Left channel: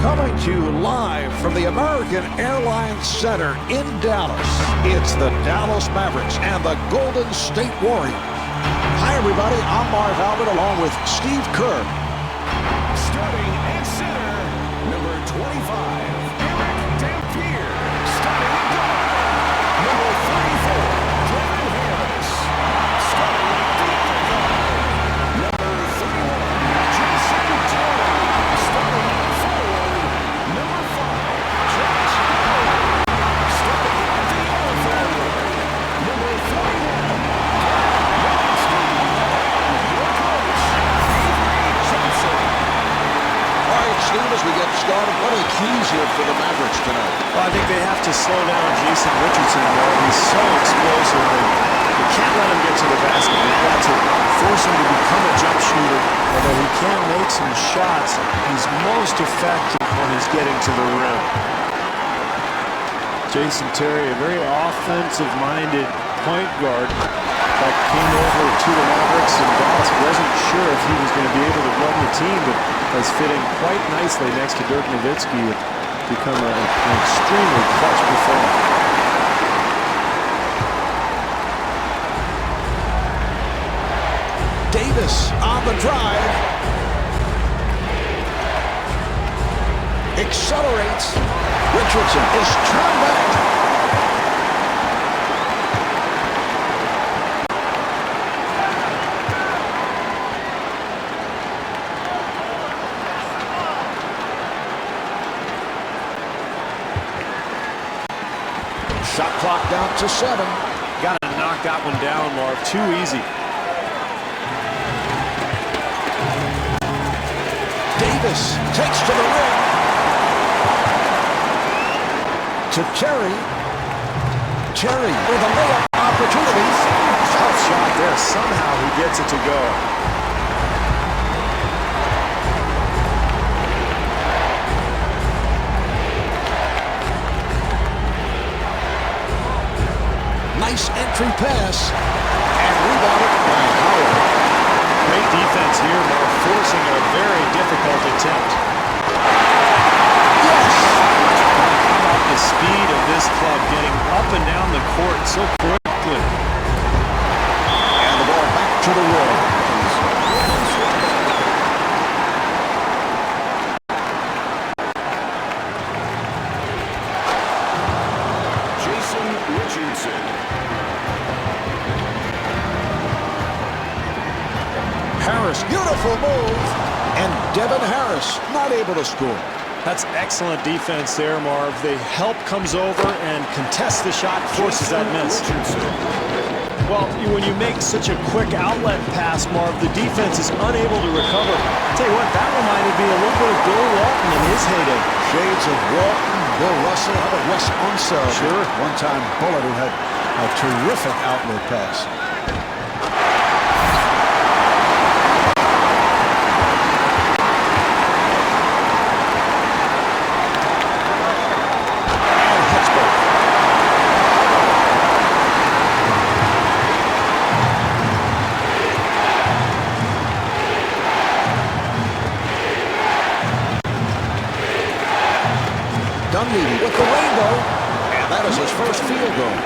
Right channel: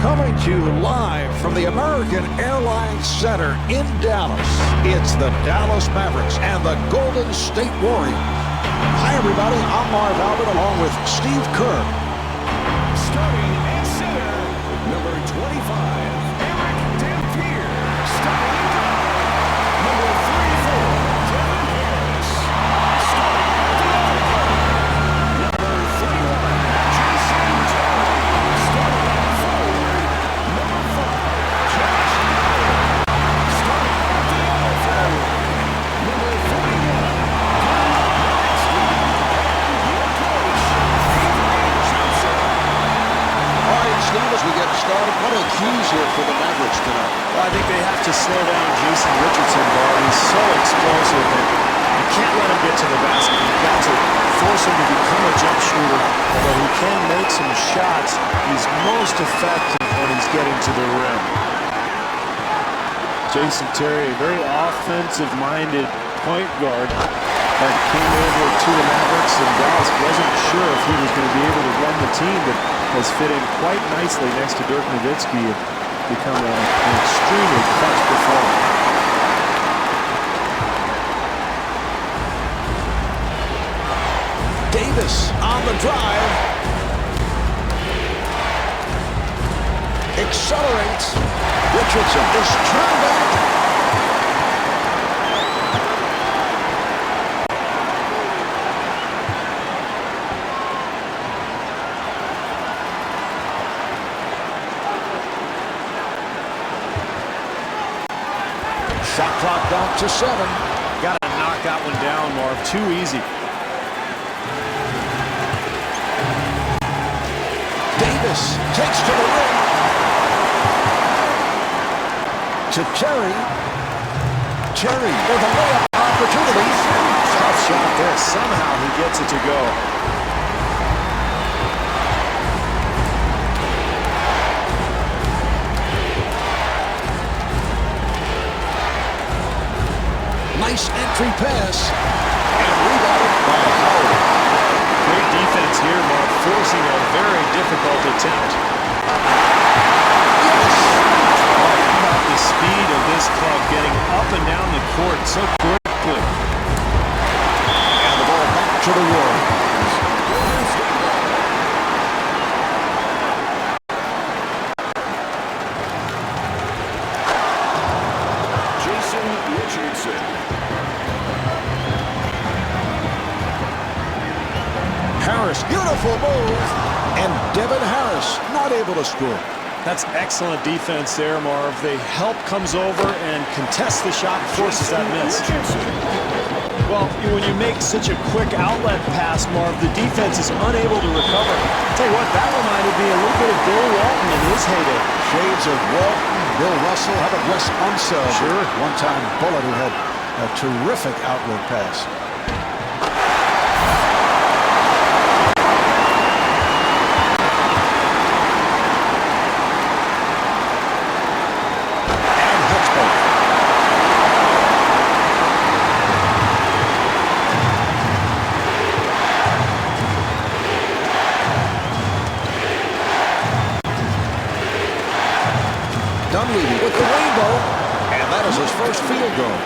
Coming to you live from the American Airlines Center in Dallas, it's the Dallas Mavericks and the Golden State Warriors. Hi, everybody. I'm Marv Albert along with Steve Kerr. Starting at center, number 25, Eric Dampier. Starting at guard, number 34, Devin Harris. Starting at the other guard, number 31, Jason Terry. Starting at forward, number 5, Josh Howard. Starting at the other forward, number 41, Dirk Nowitzki. And your coach, Avery Johnson. All right, Steve, as we get started, what are the keys here for the Mavericks tonight? Well, I think they have to slow down Jason Richardson, Marv. He's so explosive, and you can't let him get to the basket. You've got to force him to become a jump shooter. Although he can make some shots, he's most effective when he's getting to the rim. Jason Terry, a very offensive-minded point guard. In fact, came over to the Mavericks, and Dallas wasn't sure if he was going to be able to run the team, but has fit in quite nicely next to Dirk Nowitzki and become an extremely clutch performer. Davis on the drive. Accelerates. Richardson is turned back. Shot clock down to 7. Got to knock that one down, Marv. Too easy. Davis takes to the rim. To Terry. Terry with a layup opportunity. Tough shot there. Somehow he gets it to go. Nice entry pass. And rebounded by Howard. Great defense here, Marv, forcing a very difficult attempt. Yes! Well, how about the speed of this club getting up and down the court so quickly? And the ball back to the Warriors. Golden State ball. Jason Richardson. Harris, beautiful move. And Devin Harris not able to score. That's excellent defense there, Marv. The help comes over and contests the shot and forces that miss. Richardson. Well, when you make such a quick outlet pass, Marv, the defense is unable to recover. I'll tell you what, that reminded me a little bit of Bill Walton in his heyday. Shades of Walton, Bill Russell. How about Wes Unseld? Sure. One-time Bullet who had a terrific outlet pass. Dunleavy with the rainbow, and that is his first field goal.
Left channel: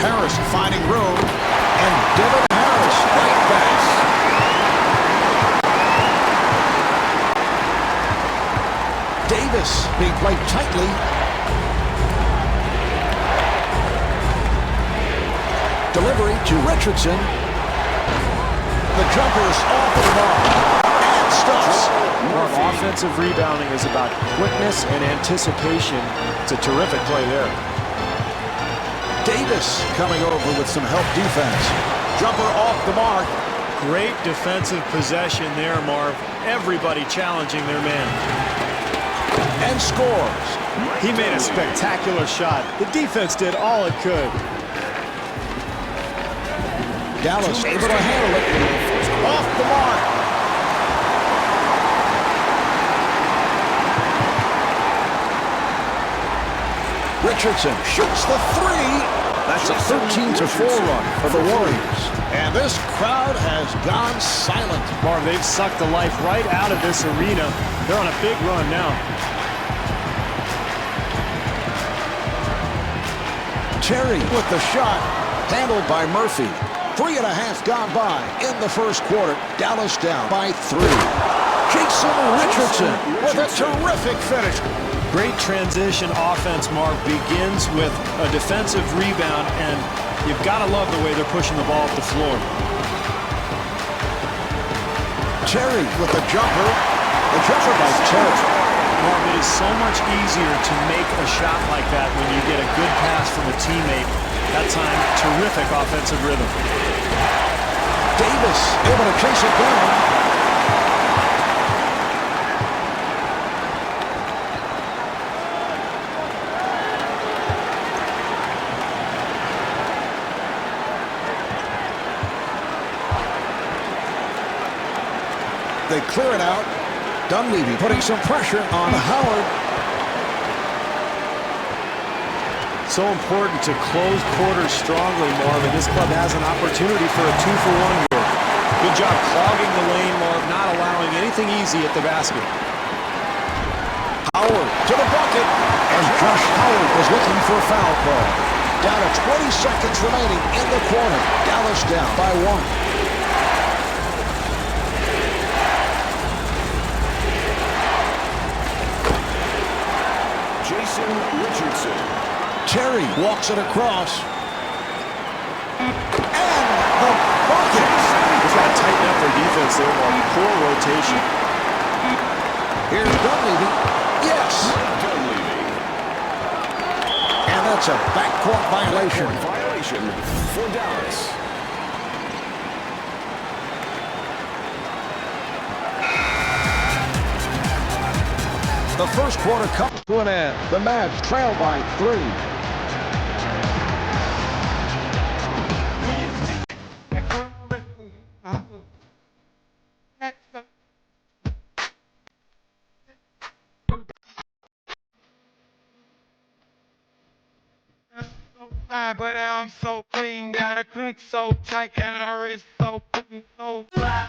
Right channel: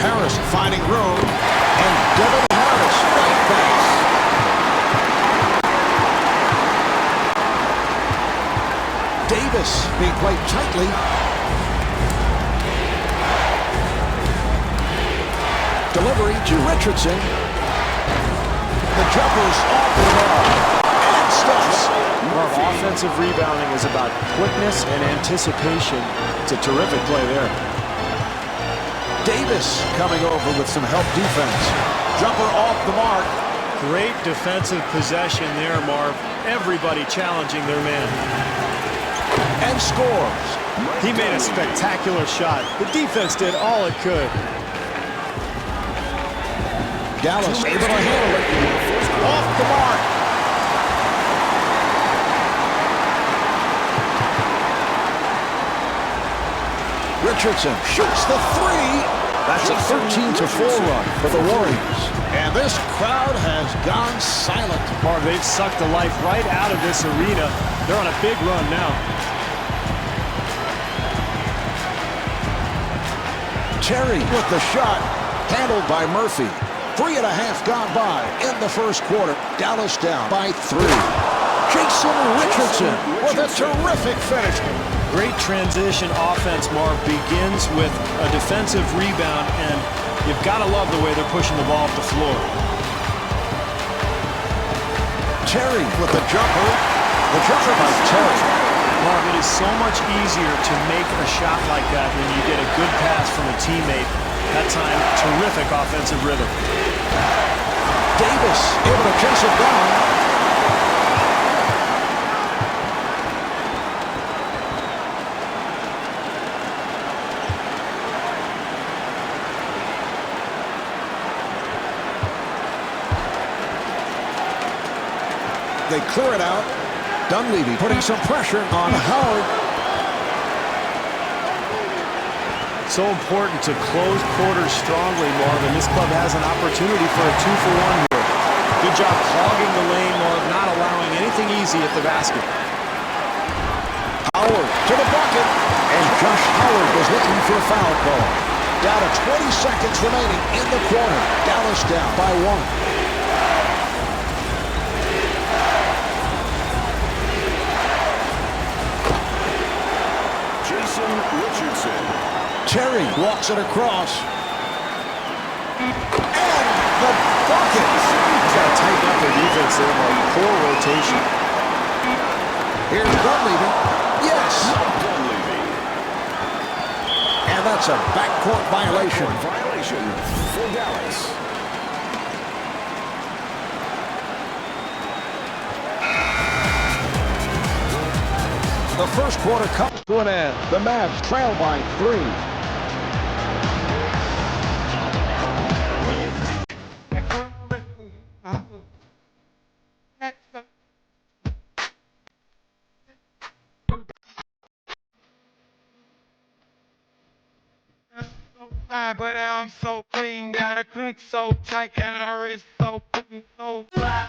Harris finding room, and Devin Harris right pass. Davis being played tightly. Delivery to Richardson. The jumper's off the mark. And stops. Marv, offensive rebounding is about quickness and anticipation. It's a terrific play there. Davis coming over with some help defense. Jumper off the mark. Great defensive possession there, Marv. Everybody challenging their man. And scores. He made a spectacular shot. The defense did all it could. Dallas able to handle it. Off the mark. Richardson shoots the three. That's a 13-4 run for the Warriors. And this crowd has gone silent. Marv, they've sucked the life right out of this arena. They're on a big run now. Terry with the shot, handled by Murphy. 3.5 gone by in the first quarter. Dallas down by 3. Jason Richardson with a terrific finish. Great transition offense, Marv, begins with a defensive rebound, and you've got to love the way they're pushing the ball up the floor. Terry with the jumper. The jumper by Terry. Marv, it is so much easier to make a shot like that when you get a good pass from a teammate. That time, terrific offensive rhythm. Davis able to chase it down. They clear it out. Dunleavy putting some pressure on Howard. So important to close quarters strongly, Marv, and this club has an opportunity for a 2-for-1 here. Good job clogging the lane, Marv, not allowing anything easy at the basket. Howard to the bucket, and Josh Howard was looking for a foul call. Down to 20 seconds remaining in the quarter. Dallas down by 1. Jason Richardson. Terry walks it across. And the bucket. They've got to tighten up their defense there, Mark. Poor rotation. Here's Dunleavy. Yes. Mike Dunleavy. And that's a backcourt violation. Backcourt violation for Dallas. The first quarter comes to an end. The Mavs trail by 3. But I'm so clean, got a click so tight, and her wrist so fly.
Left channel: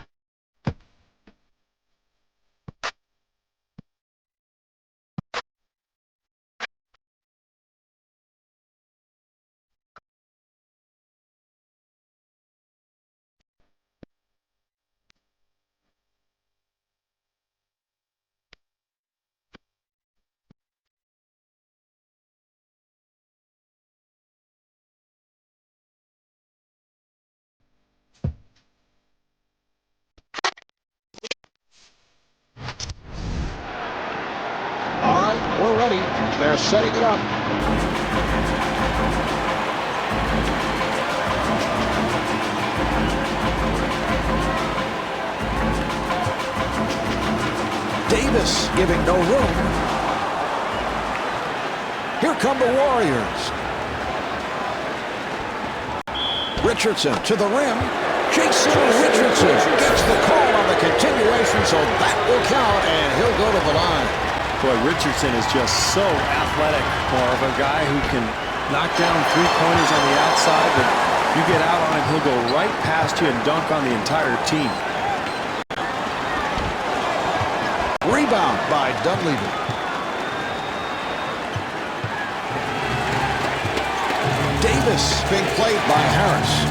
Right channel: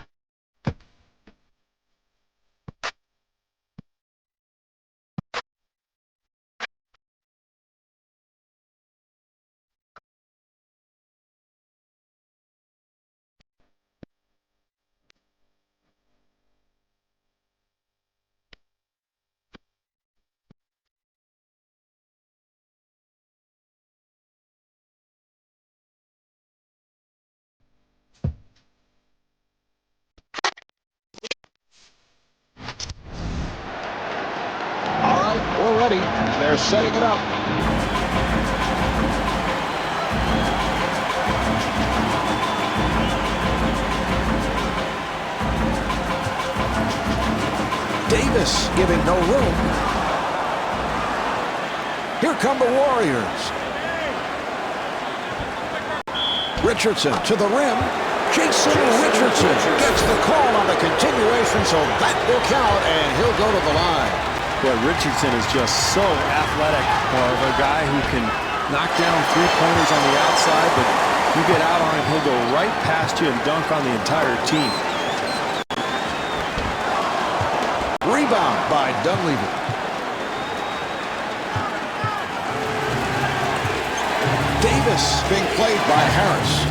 All right, we're ready. They're setting it up. Davis giving no room. Here come the Warriors. Richardson to the rim. Jason Richardson gets the call on the continuation, so that will count, and he'll go to the line. Boy, Richardson is just so athletic, Marv. A guy who can knock down three-pointers on the outside, but you get out on him, he'll go right past you and dunk on the entire team. Rebound by Dunleavy. Davis being played by Harris.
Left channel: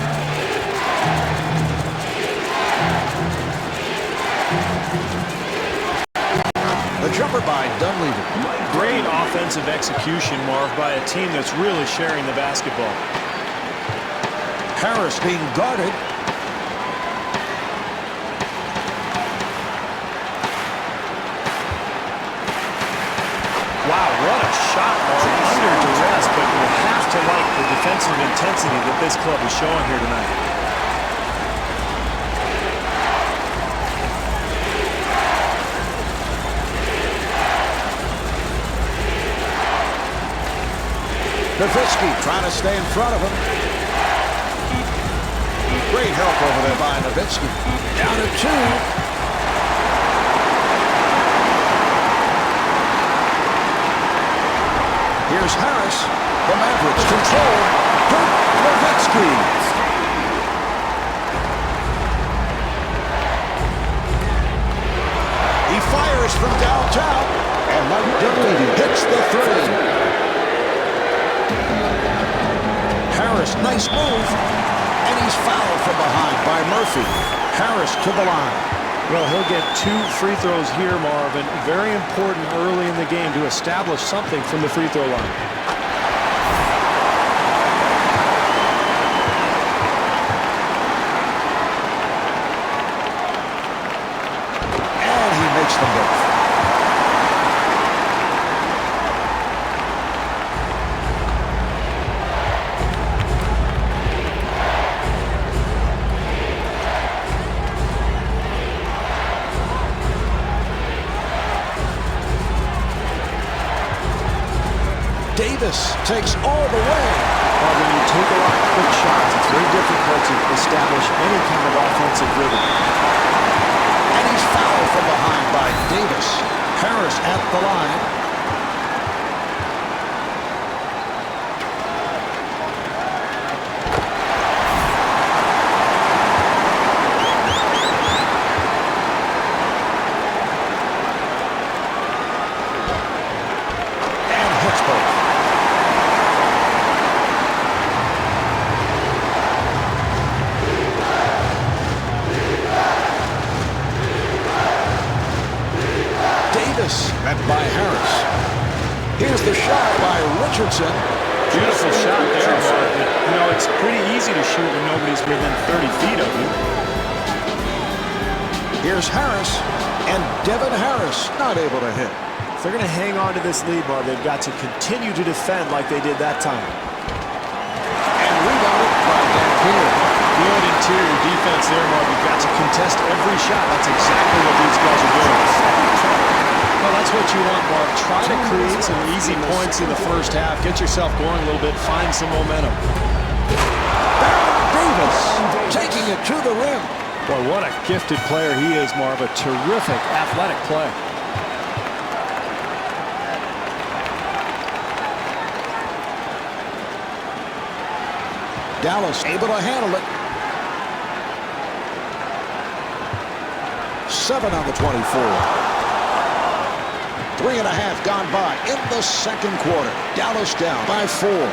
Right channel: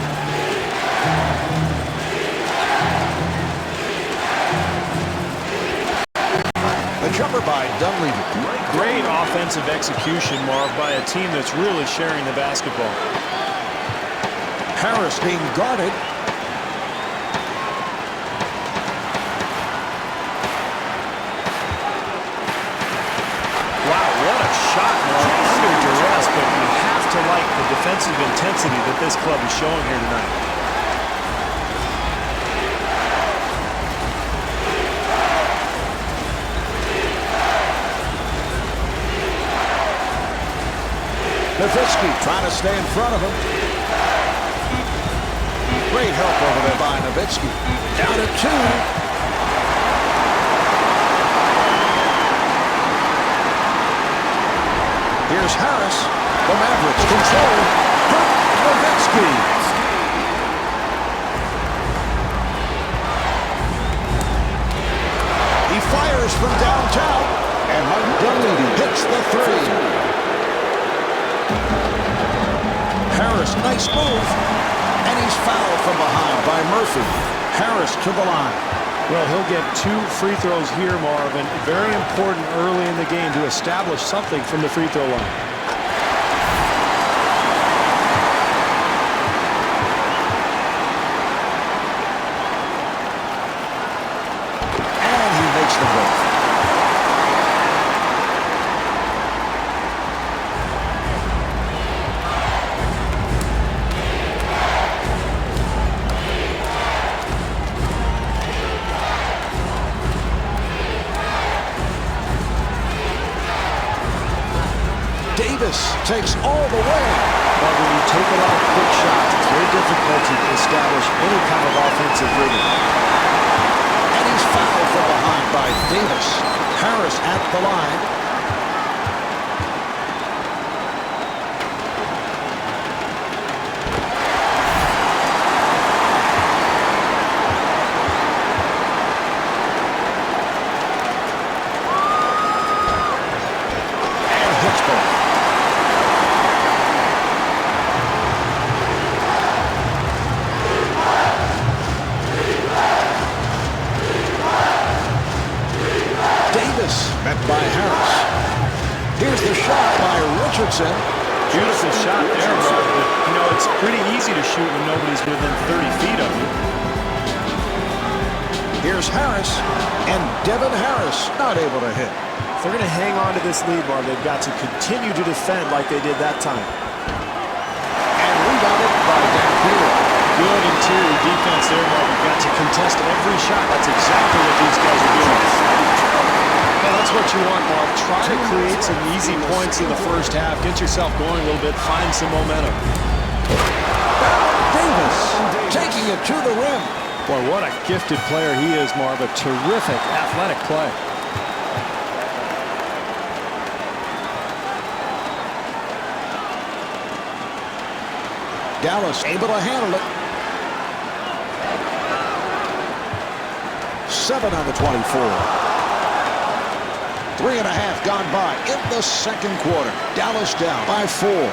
The jumper by Dunleavy. Great offensive execution, Marv, by a team that's really sharing the basketball. Harris being guarded. Wow, what a shot, Marv, under duress, but you have to like the defensive intensity that this club is showing here tonight. Nowitzki trying to stay in front of him. Great help over there by Nowitzki. Down to 2. Here's Harris. The Mavericks control. Dirk Nowitzki. He fires from downtown, and Mike Dunleavy hits the three. Harris, nice move, and he's fouled from behind by Murphy. Harris to the line. Well, he'll get 2 free throws here, Marvin. Very important early in the game to establish something from the free throw line. And he makes them both. Davis takes all the way. But when you take a lot of quick shots, it's very difficult to establish any kind of offensive rhythm. And he's fouled from behind by Davis. Harris at the line. And hits both. Davis met by Harris. Here's the shot by Richardson. Beautiful shot there, Marvin. You know, it's pretty easy to shoot when nobody's within 30 feet of you. Here's Harris, and Devin Harris not able to hit. If they're going to hang on to this lead, Marv, they've got to continue to defend like they did that time. And rebounded by Dampier. Good interior defense there, Marv. You've got to contest every shot. That's exactly what these guys are doing. Well, that's what you want, Marv. Try to create some easy points in the first half. Get yourself going a little bit. Find some momentum. Baron Davis taking it to the rim. Boy, what a gifted player he is, Marv. A terrific athletic play. Dallas able to handle it. 7 on the 24. 3.5 gone by in the second quarter. Dallas down by 4.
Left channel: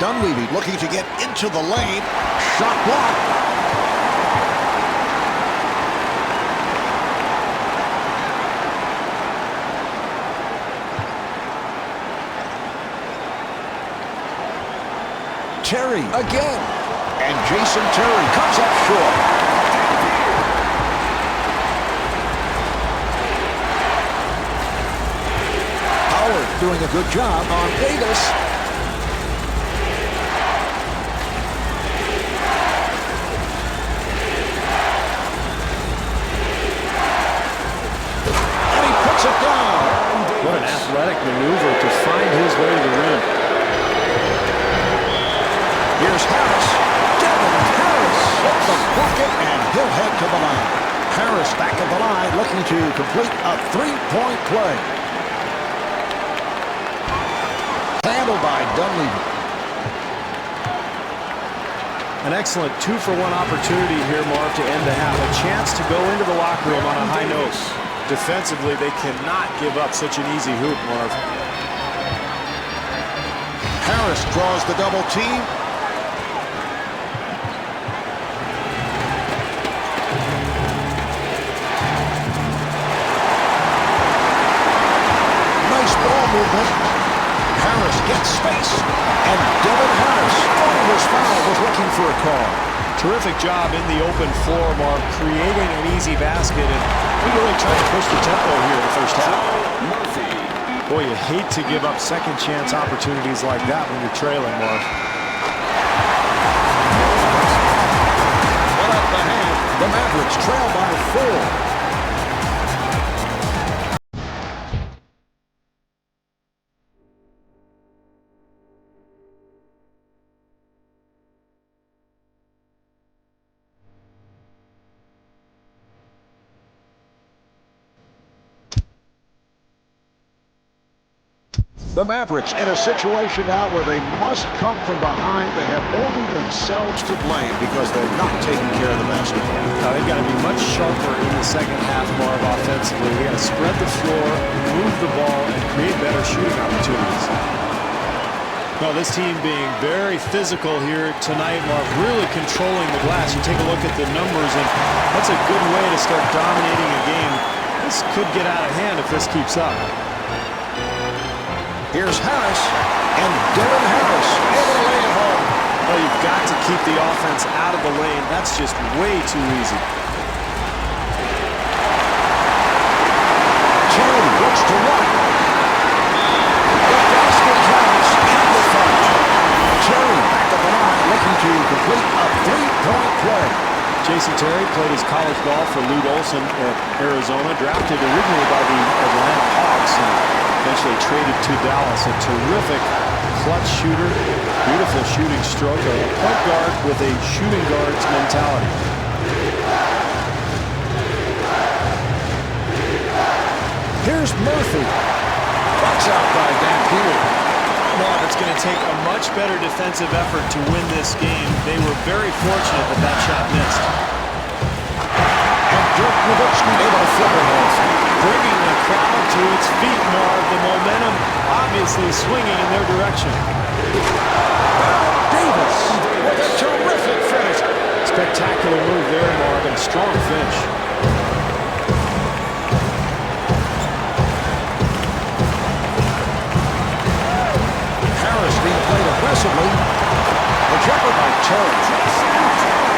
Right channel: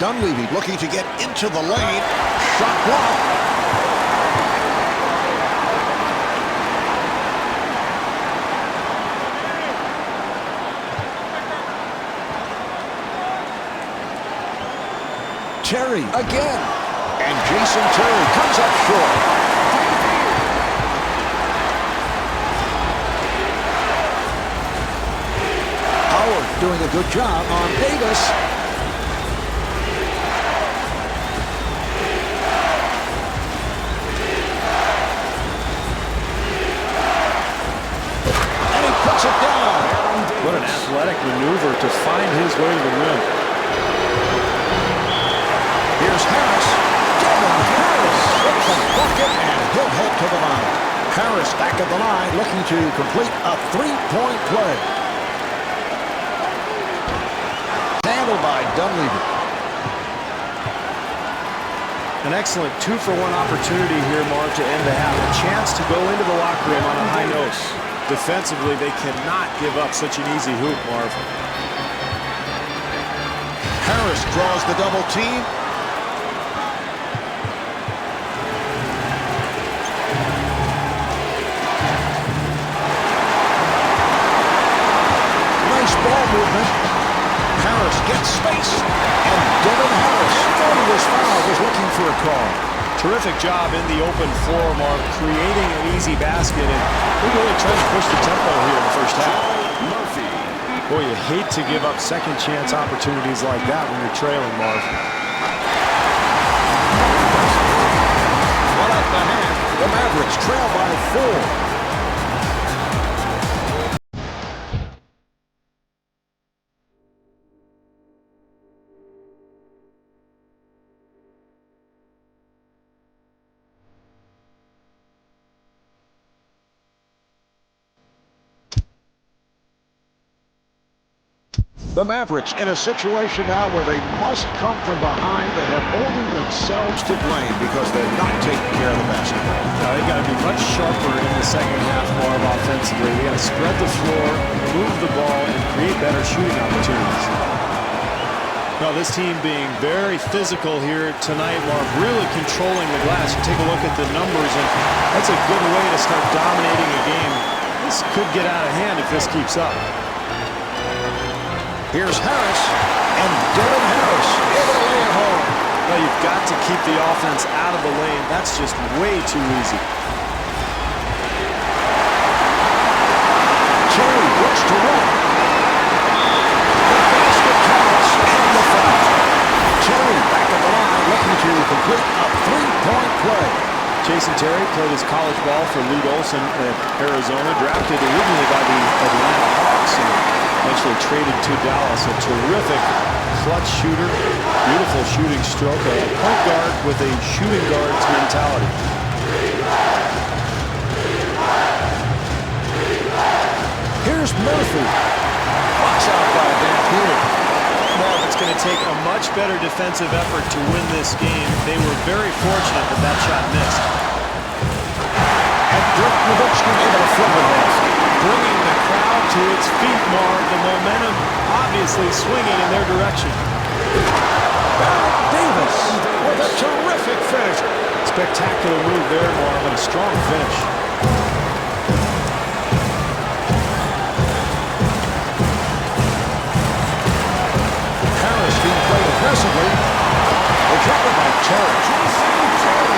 Dunleavy looking to get into the lane. Shot blocked. Terry again. And Jason Terry comes up short. Howard doing a good job on Davis. And he puts it down. What an athletic maneuver to find his way to the rim. Here's Harris. Devin Harris with the bucket, and he'll head to the line. Harris back at the line looking to complete a three-point play. Handled by Dunleavy. An excellent 2-for-1 opportunity here, Marv, to end the half. A chance to go into the locker room on a high note. Defensively, they cannot give up such an easy hoop, Marv. Harris draws the double team. Nice ball movement. Harris gets space, and Devin Harris thought he was fouled, was looking for a call. Terrific job in the open floor, Marv, creating an easy basket, and they're really trying to push the tempo here in the first half. Murphy. Boy, you hate to give up second chance opportunities like that when you're trailing, Marv. One at the hand, the Mavericks trail by 4. The Mavericks in a situation now where they must come from behind. They have only themselves to blame because they're not taking care of the basketball. Now, they've got to be much sharper in the second half, Marv, offensively. They got to spread the floor, move the ball, and create better shooting opportunities. Well, this team being very physical here tonight, Marv, really controlling the glass. You take a look at the numbers, and that's a good way to start dominating a game. This could get out of hand if this keeps up. Here's Harris, and Devin Harris able to lay it home. Well, you've got to keep the offense out of the lane. That's just way too easy. Terry looks to run. The basket counts and the foul. Terry back at the line looking to complete a three-point play. Jason Terry played his college ball for Lute Olson at Arizona, drafted originally by the Atlanta Hawks and eventually traded to Dallas. A terrific clutch shooter, beautiful shooting stroke, a point guard with a shooting guard's mentality. Here's Murphy. Box out by Dampier. Marv, it's going to take a much better defensive effort to win this game. They were very fortunate that that shot missed. And Dirk Nowitzki able to flip it home. Bringing the crowd to its feet, Marv. The momentum obviously swinging in their direction. Baron Davis with a terrific finish. Spectacular move there, Marv, and a strong finish. Harris being played aggressively. The jumper by Terry. Jason Terry.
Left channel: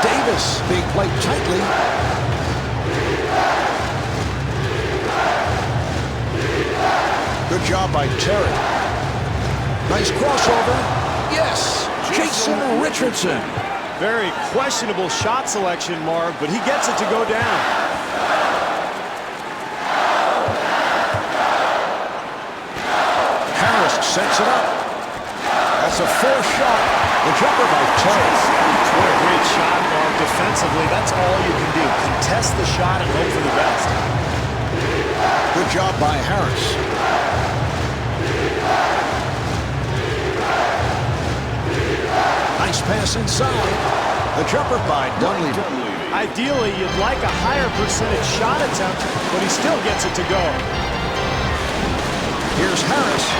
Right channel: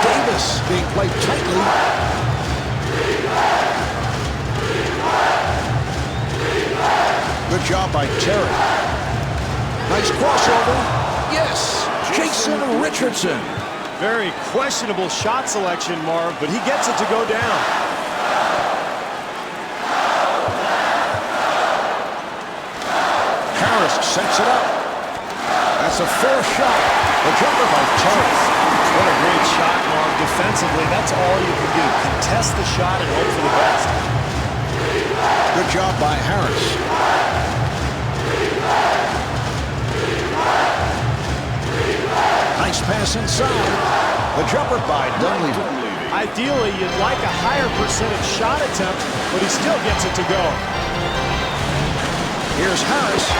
Davis being played tightly. Good job by Terry. Nice crossover. Yes, Jason Richardson. Very questionable shot selection, Marv, but he gets it to go down. Harris sets it up. That's a fourth shot. The jumper by Terry. What a great shot, Marv. Defensively, that's all you can do. Contest the shot and hope for the best. Good job by Harris. Nice pass inside. The jumper by Dunleavy. Ideally, you'd like a higher percentage shot attempt, but he still gets it to go. Here's Harris,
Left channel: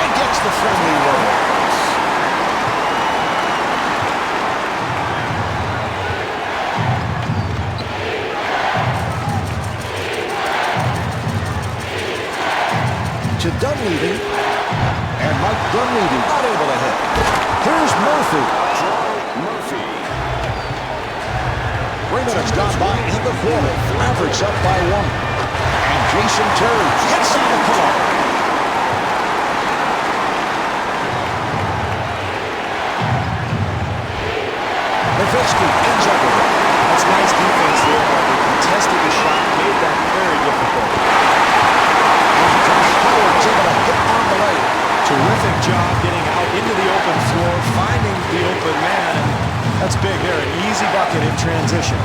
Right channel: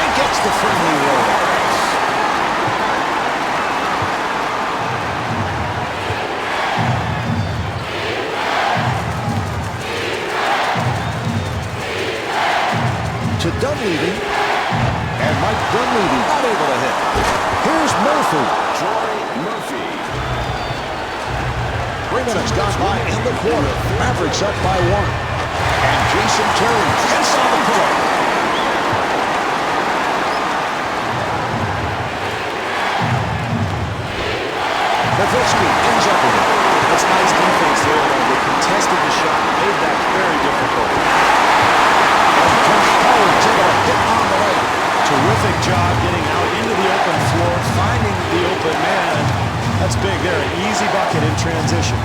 and gets the friendly roll. To Dunleavy, and Mike Dunleavy not able to hit. Here's Murphy. Troy Murphy. 3 minutes gone by in the quarter. Mavericks up by 1. And Jason Terry hits on the pull-up. Nowitzki ends up with it. That's nice defense there, Marv. They contested the shot, made that very difficult. And Josh Howard's able to hit on the layup. Terrific job getting out into the open floor, finding the open man, and that's big there, an easy bucket in transition.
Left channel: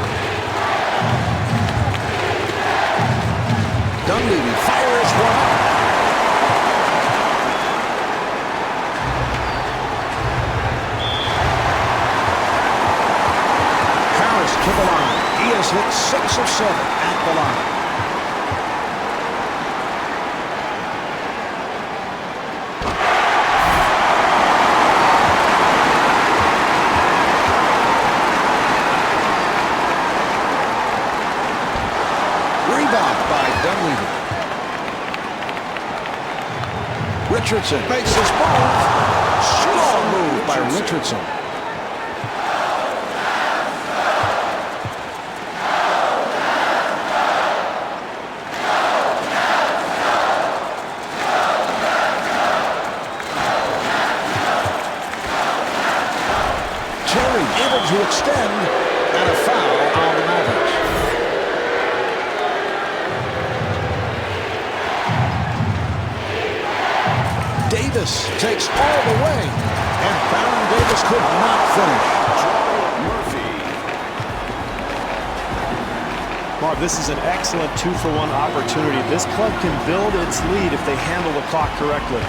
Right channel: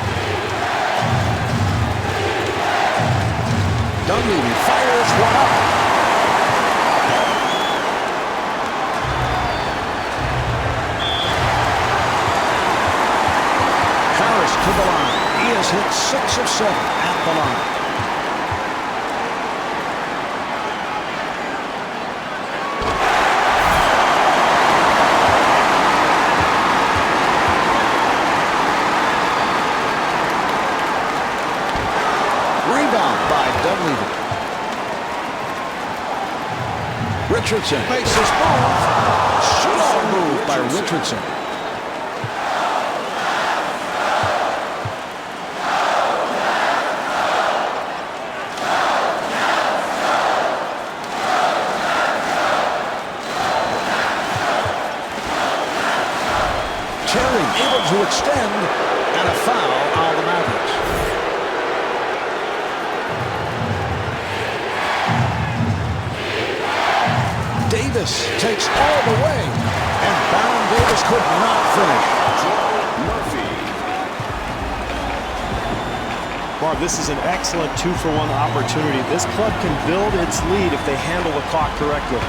Dunleavy fires one up. Harris to the line. He has hit 6 of 7 at the line. Rebound by Dunleavy. Richardson makes his move. Strong move by Richardson. Terry able to extend, and a foul on the Mavericks. Davis takes all the way, and Baron Davis could not finish. Troy Murphy. Marv, this is an excellent 2-for-1 opportunity. This club can build its lead if they handle the clock correctly.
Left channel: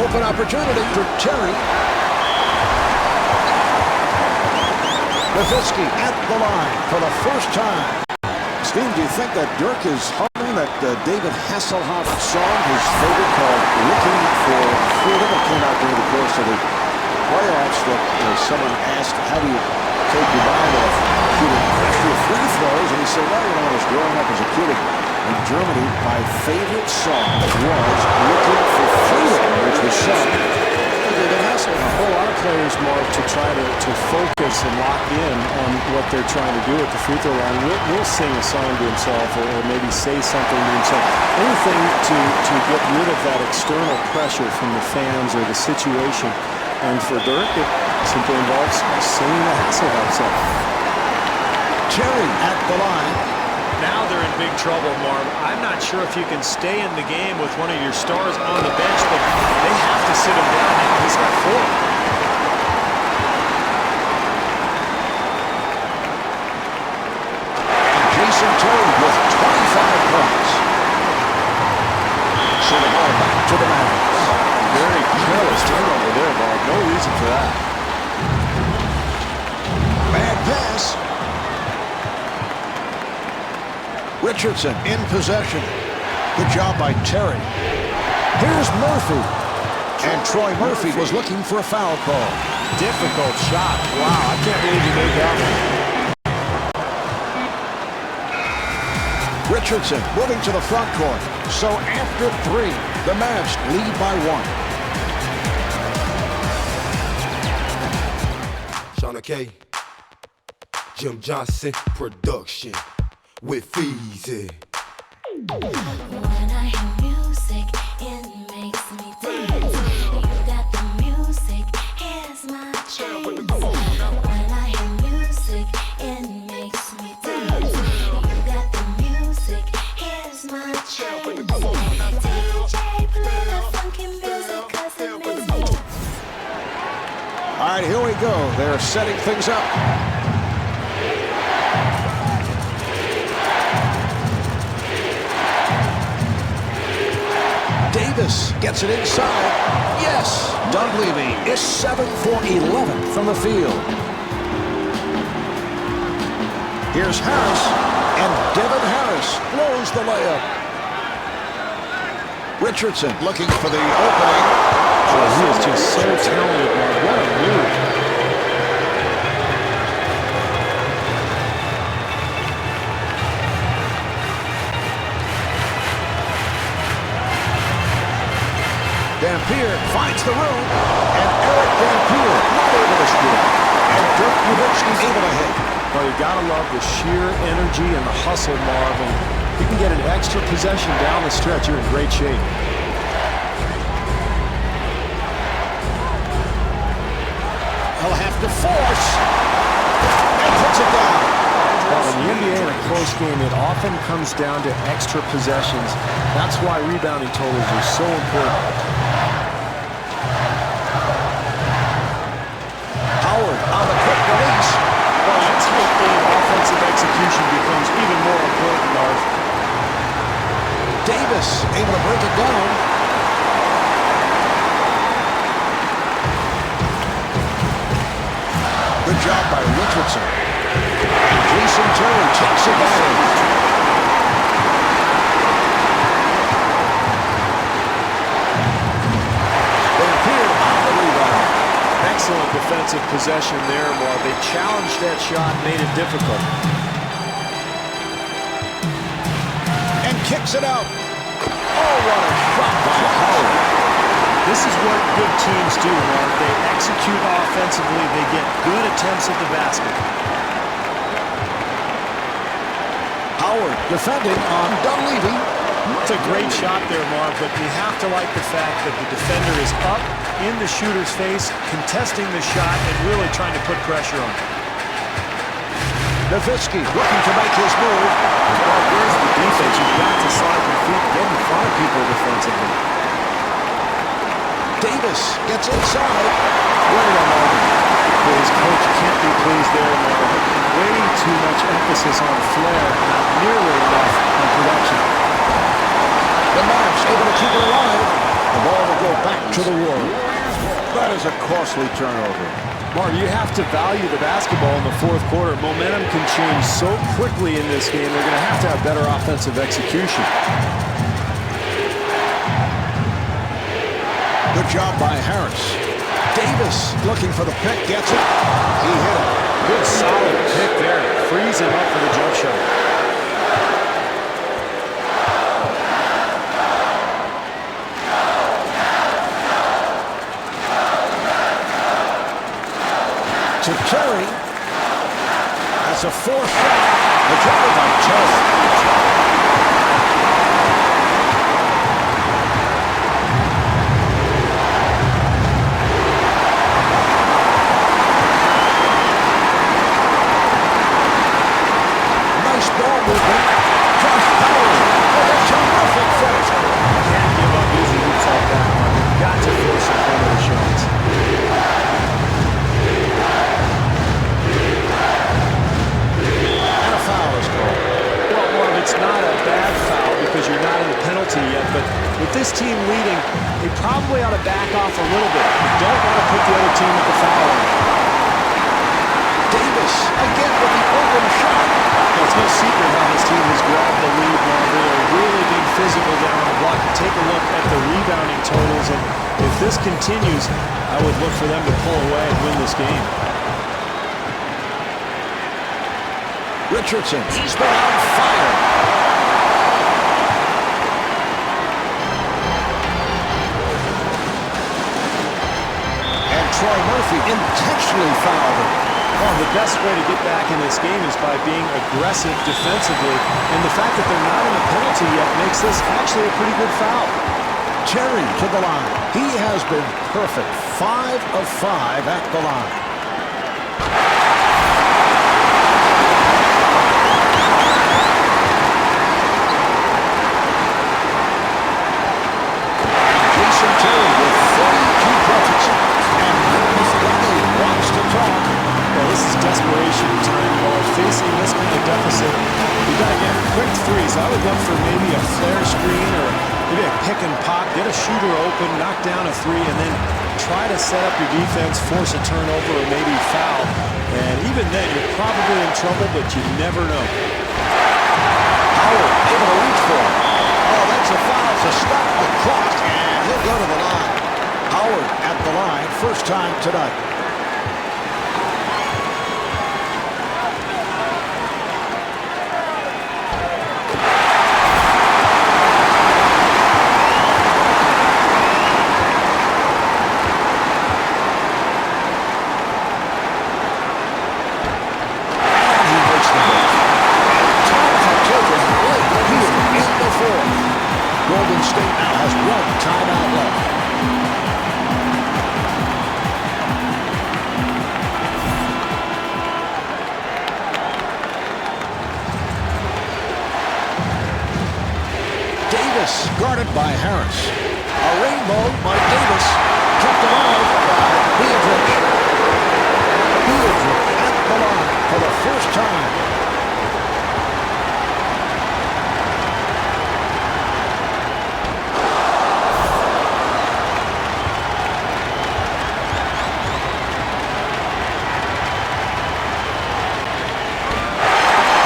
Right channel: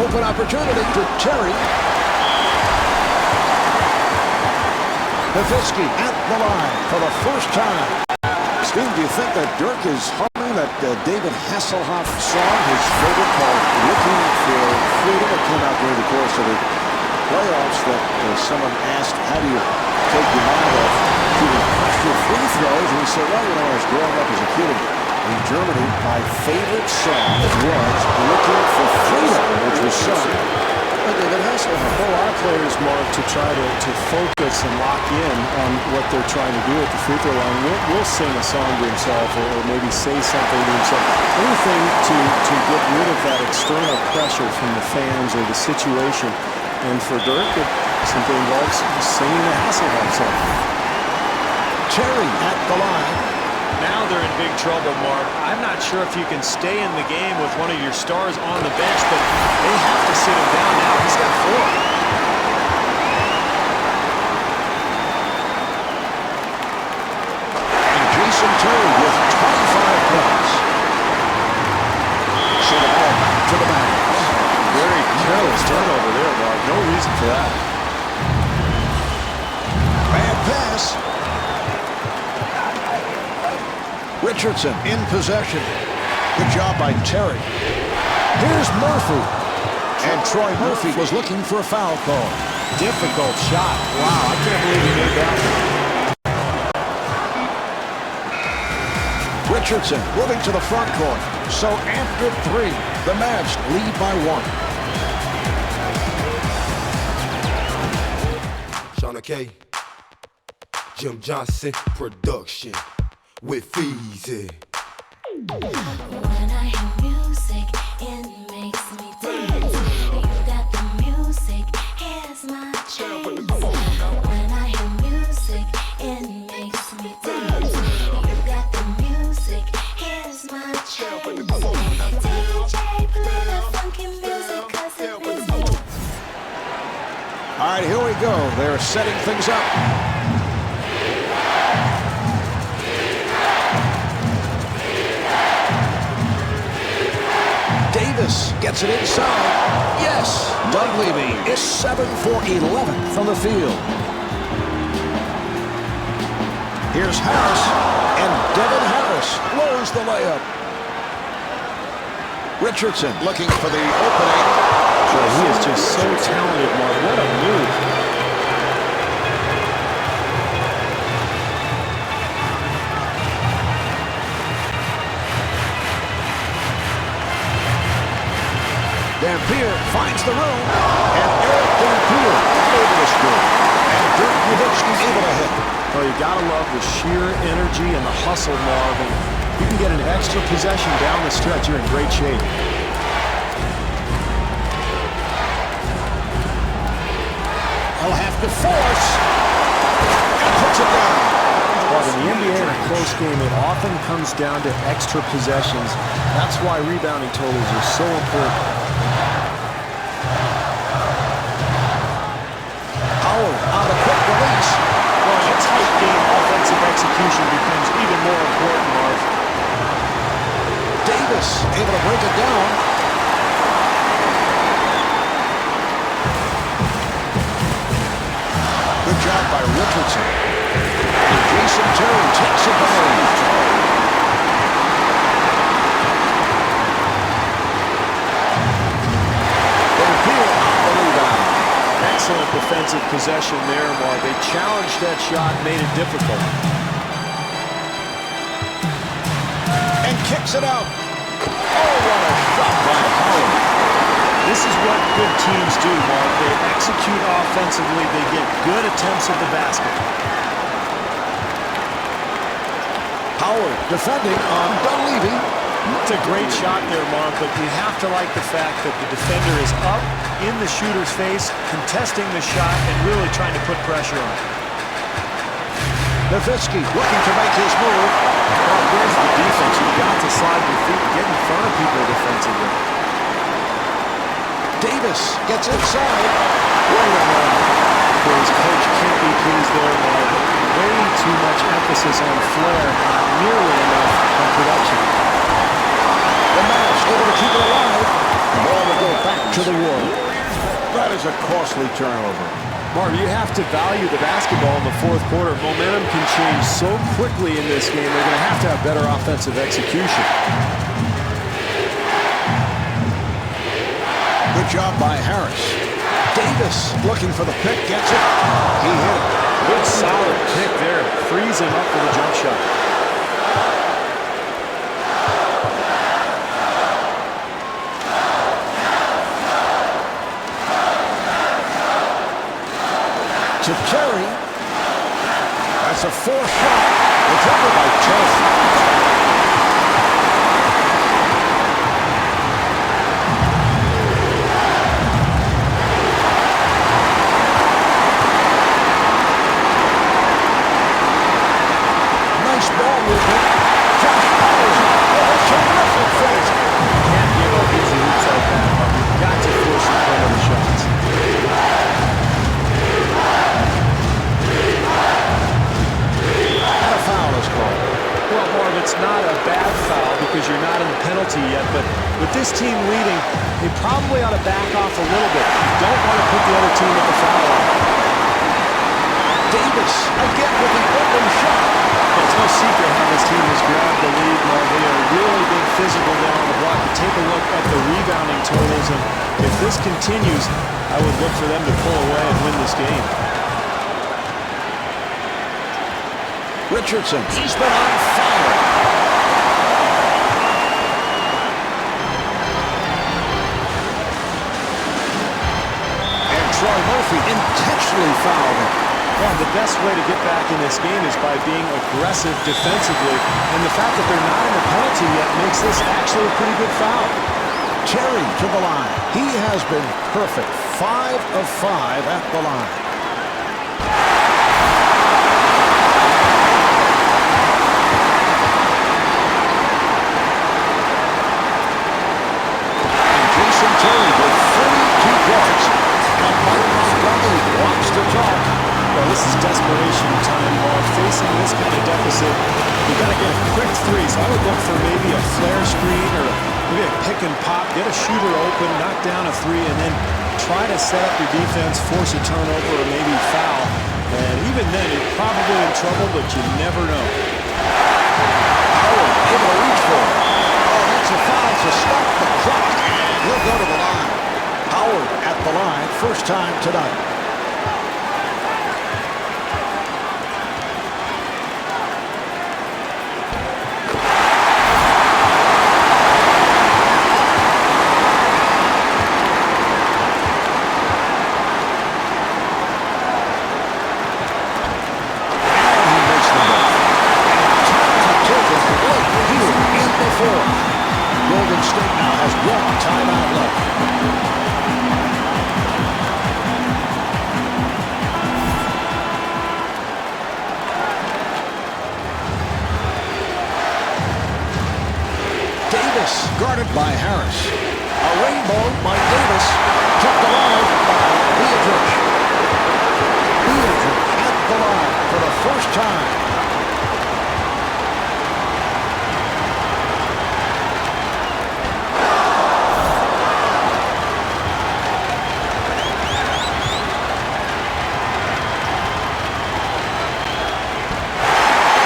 Open opportunity for Terry. Nowitzki at the line for the first time. Steve, do you think that Dirk is humming that David Hasselhoff song, his favorite, called Looking for Freedom? It came out during the course of the playoffs that someone asked, how do you take your mind off shooting pressure free throws? And he said, well, you know, when I was growing up as a kid in Germany, my favorite song was Looking for Freedom, which was sung by David Hasselhoff. Well, a lot of players, Marv, to try to focus and lock in on what they're trying to do at the free throw line, will sing a song to himself or maybe say something to himself. Anything to get rid of that external pressure from the fans or the situation. And for Dirk, it simply involves singing the Hasselhoff song. Terry at the line. Now they're in big trouble, Marv. I'm not sure if you can stay in the game with one of your stars on the bench, but they have to sit him down now. He's got 4. And Jason Terry with 25 points. So the ball back to the Mavericks. Very careless turnover there, Marv. No reason for that. Bad pass. Richardson in possession. Good job by Terry. Here's Murphy. And Troy Murphy was looking for a foul call. Difficult shot. Wow, I can't believe he made that one. Richardson moving to the front court. So after 3, the Mavs lead by 1. Shauna K, Jim Johnson production with Feezy. When I hear music, it makes me dance. You got the music, here's my chance. When I hear music, it makes me dance. You got the music, here's my chance. DJ, play the funky music, 'cause it makes me. All right, here we go. They're setting things up. Davis gets it inside. Yes, Dunleavy is 7 for 11 from the field. Here's Harris, and Devin Harris blows the layup. Richardson looking for the opening. Boy, he is just so talented, Marv. What a move. Dampier finds the room, and Eric Dampier not able to score. And Dirk Nowitzki able to hit. Well, you gotta love the sheer energy and the hustle, Marv. And you can get an extra possession down the stretch. You're in great shape. He'll have to force, and puts it down. Marv, in the NBA in a close game, it often comes down to extra possessions. That's why rebounding totals are so important. Howard on the quick release. Well, in a tight game, offensive execution becomes even more important, Marv. Davis able to break it down. Good job by Richardson. And Jason Terry takes advantage. Dampier on the rebound. Excellent defensive possession there, Marv. They challenged that shot, made it difficult. And kicks it out. Oh, what a shot by Howard. This is what good teams do, Marv. They execute offensively. They get good attempts at the basket. Howard defending on Dunleavy. It's a great shot there, Marv, but you have to like the fact that the defender is up in the shooter's face, contesting the shot, and really trying to put pressure on. Nowitzki looking to make his move. Marv, where's the defense? You've got to slide your feet and get in front of people defensively. Davis gets inside. Wait a moment. but his coach can't be pleased there, Marv. Way too much emphasis on flair, not nearly enough on production. The Mavs able to keep it alive. The ball will go back to the Warriors. That is a costly turnover. Marv, you have to value the basketball in the fourth quarter. Momentum can change so quickly in this game. They're going to have better offensive execution. Good job by Harris. Davis looking for the pick, gets it. He hit it. Good solid pick there. Frees him up for the jump shot. To Terry. That's a four shot. The jumper by Terry. Nice ball movement. Josh Howard with a terrific finish. You can't give up easy hoops like that, Mark. You've got to force some perimeter shots. And a foul is called. Well, Marv, it's not a bad foul because you're not in the penalty yet, but with this team leading, they probably ought to back off a little bit. You don't want to put the other team at the foul line. Davis again with the open shot. Well, it's no secret how this team has grabbed the lead, Marv. They are really being physical down on the block. You take a look at the rebounding totals, and if this continues, I would look for them to pull away and win this game. Richardson, he's been on fire. And Troy Murphy intentionally fouled him. Well, the best way to get back in this game is by being aggressive defensively, and the fact that they're not in the penalty yet makes this actually a pretty good foul. Terry to the line. He has been perfect. 5 of 5 at the line. And Jason Terry with 32 points. And Mike Montgomery wants to talk. Well, this is desperation time, Marv. Facing this kind of deficit, you've got to get a quick three. So I would look for maybe a flare screen or maybe a pick and pop, get a shooter open, knock down a three, and then try to set up your defense, force a turnover, or maybe foul. And even then, you're probably in trouble, but you never know. Howard able to reach for it. Oh, that's a foul to stop the clock, and he'll go to the line. Howard at the line, first time tonight. Taken late here in the fourth. Golden State now has one timeout left. Davis guarded by Harris. A rainbow by Davis, kept alive by Beatrice. Beatrice at the line for the first time.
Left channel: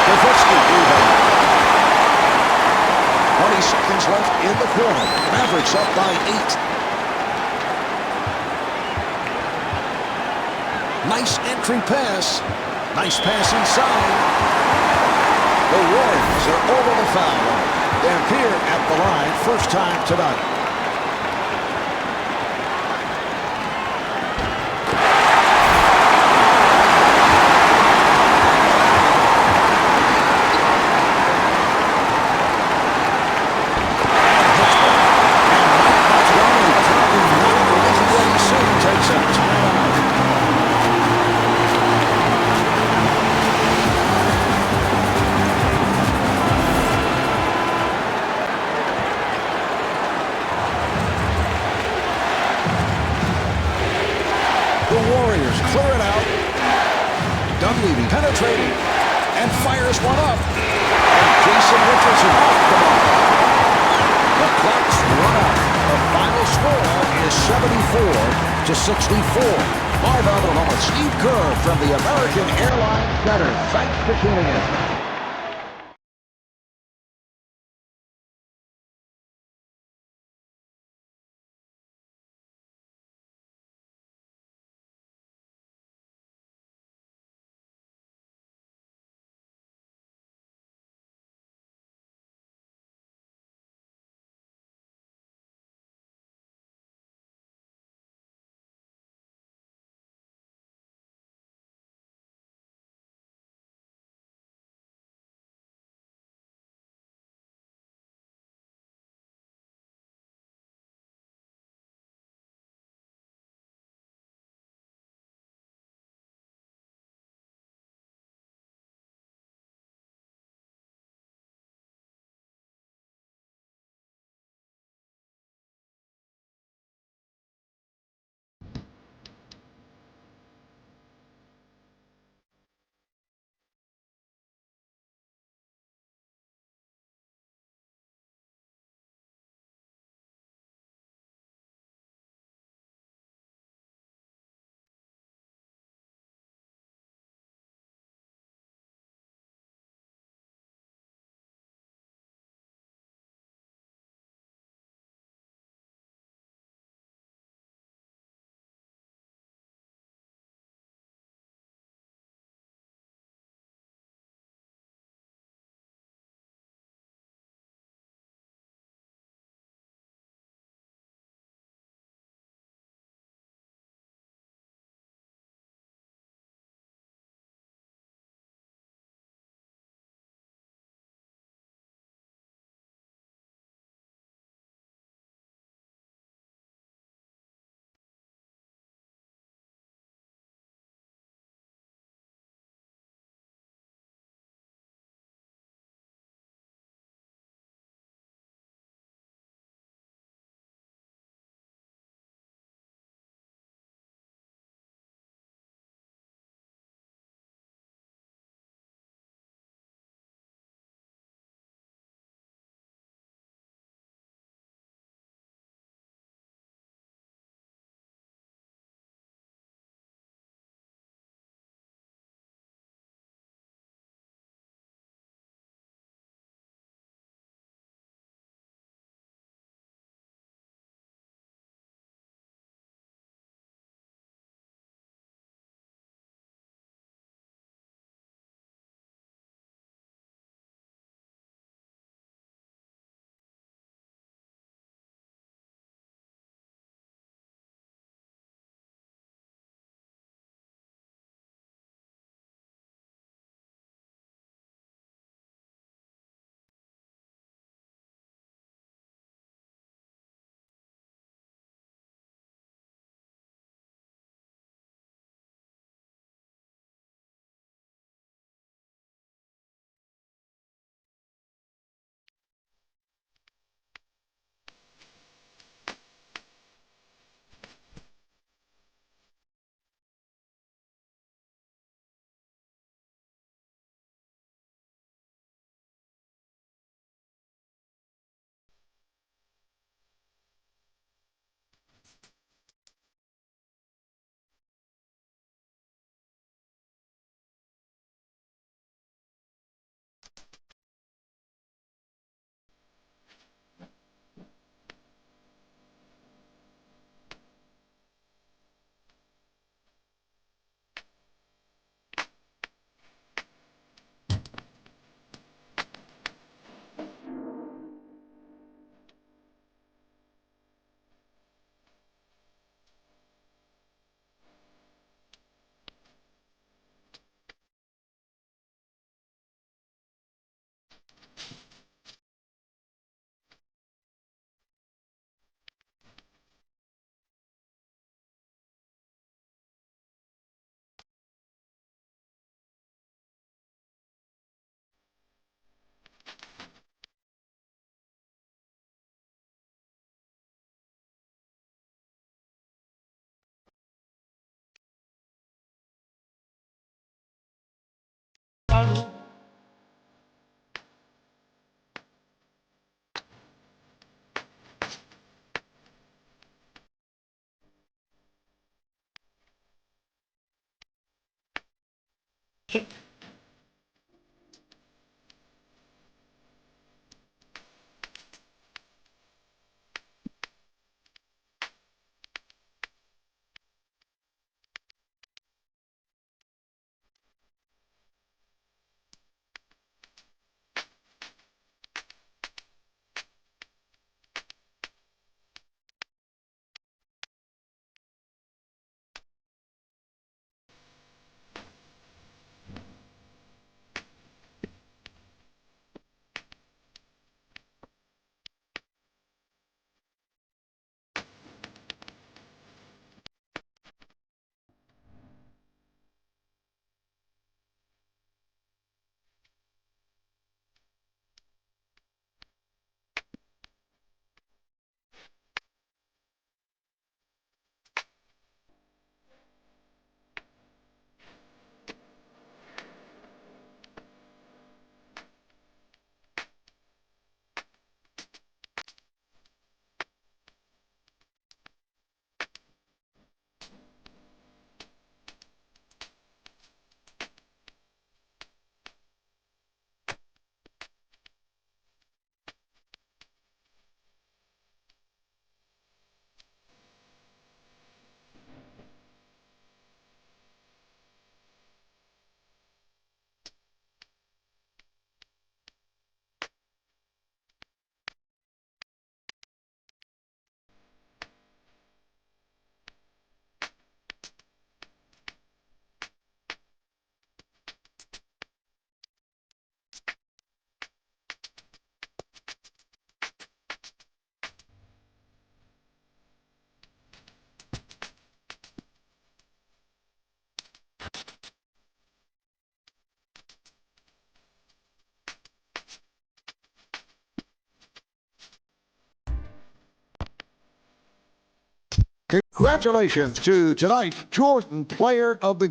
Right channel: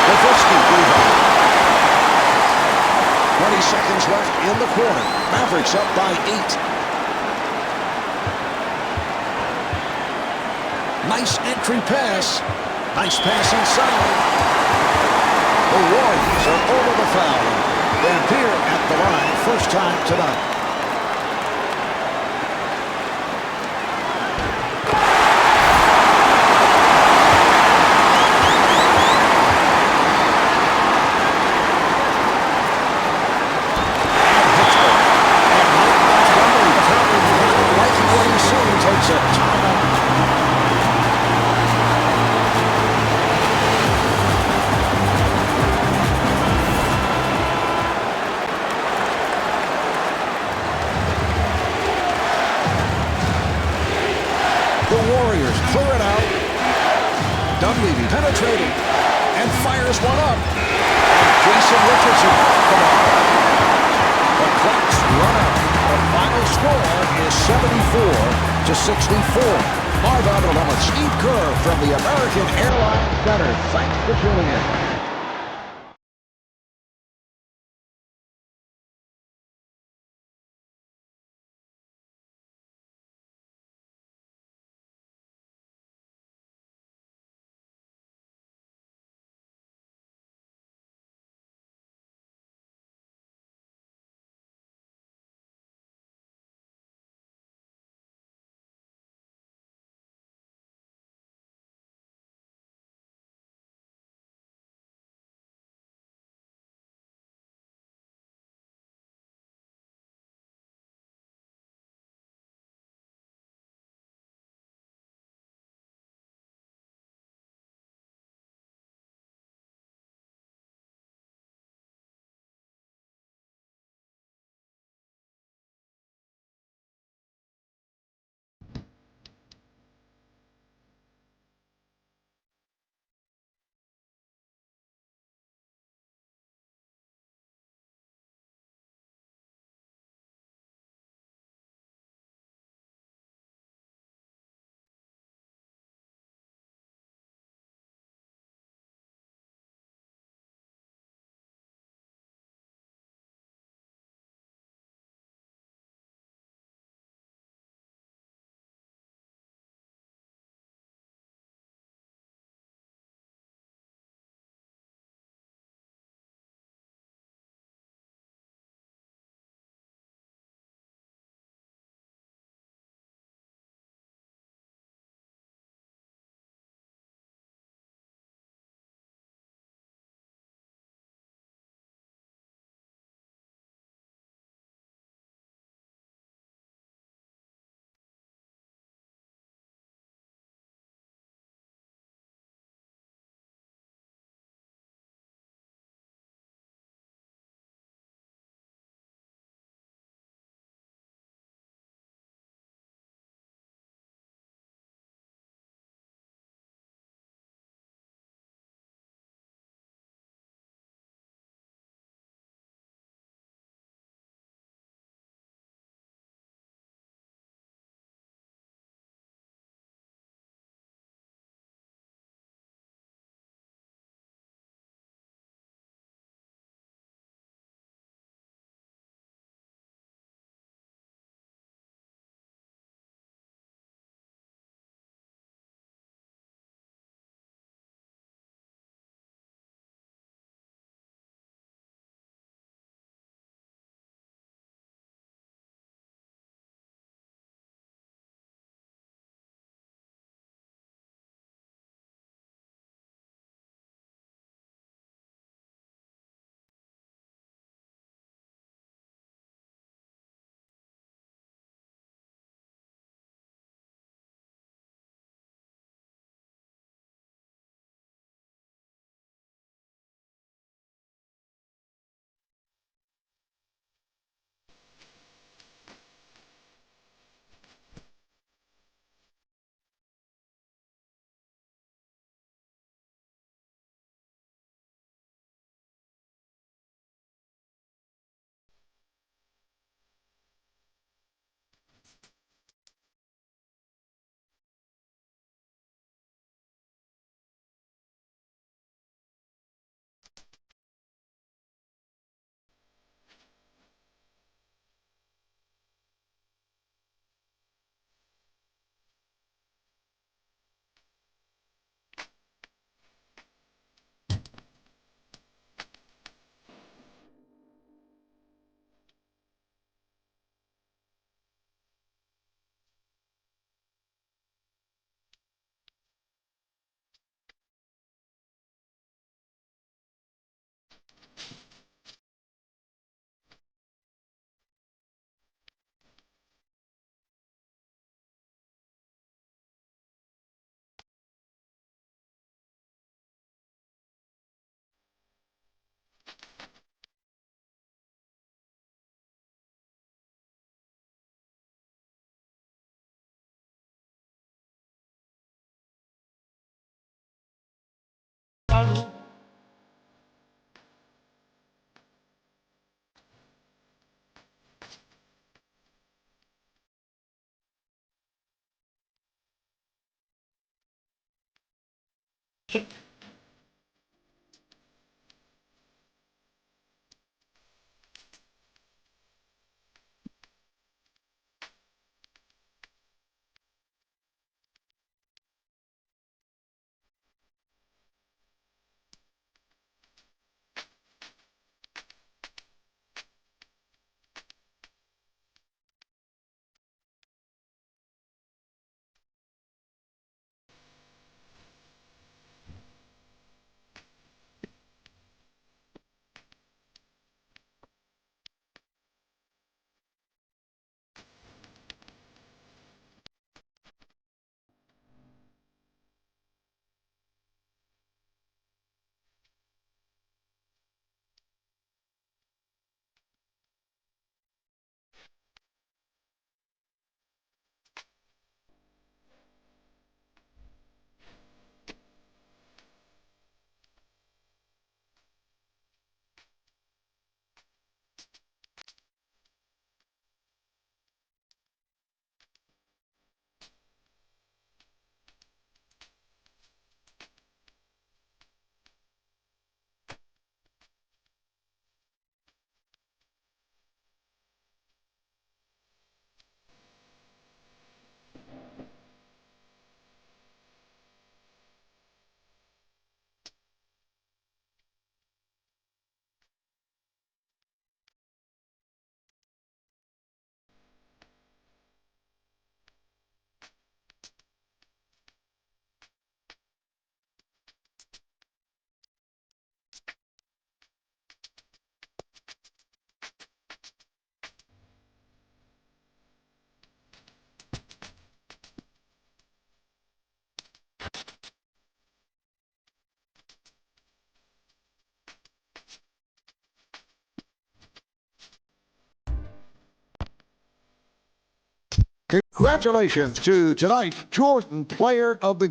Nowitzki rebound. 20 seconds left in the quarter. Mavericks up by 8. Nice entry pass. Nice pass inside. The Warriors are over the foul. And Dampier at the line, first time tonight. Apparently not liking what he's seeing, takes a timeout. The Warriors clear it out. Dunleavy penetrating and fires one up. And Jason Richardson off the mark. The clock's run out. The final score is 74-64. Marv Albert along with Steve Kerr from the American Airlines Center. Thanks for tuning in. Congratulations to tonight's Jordan Player of the Game.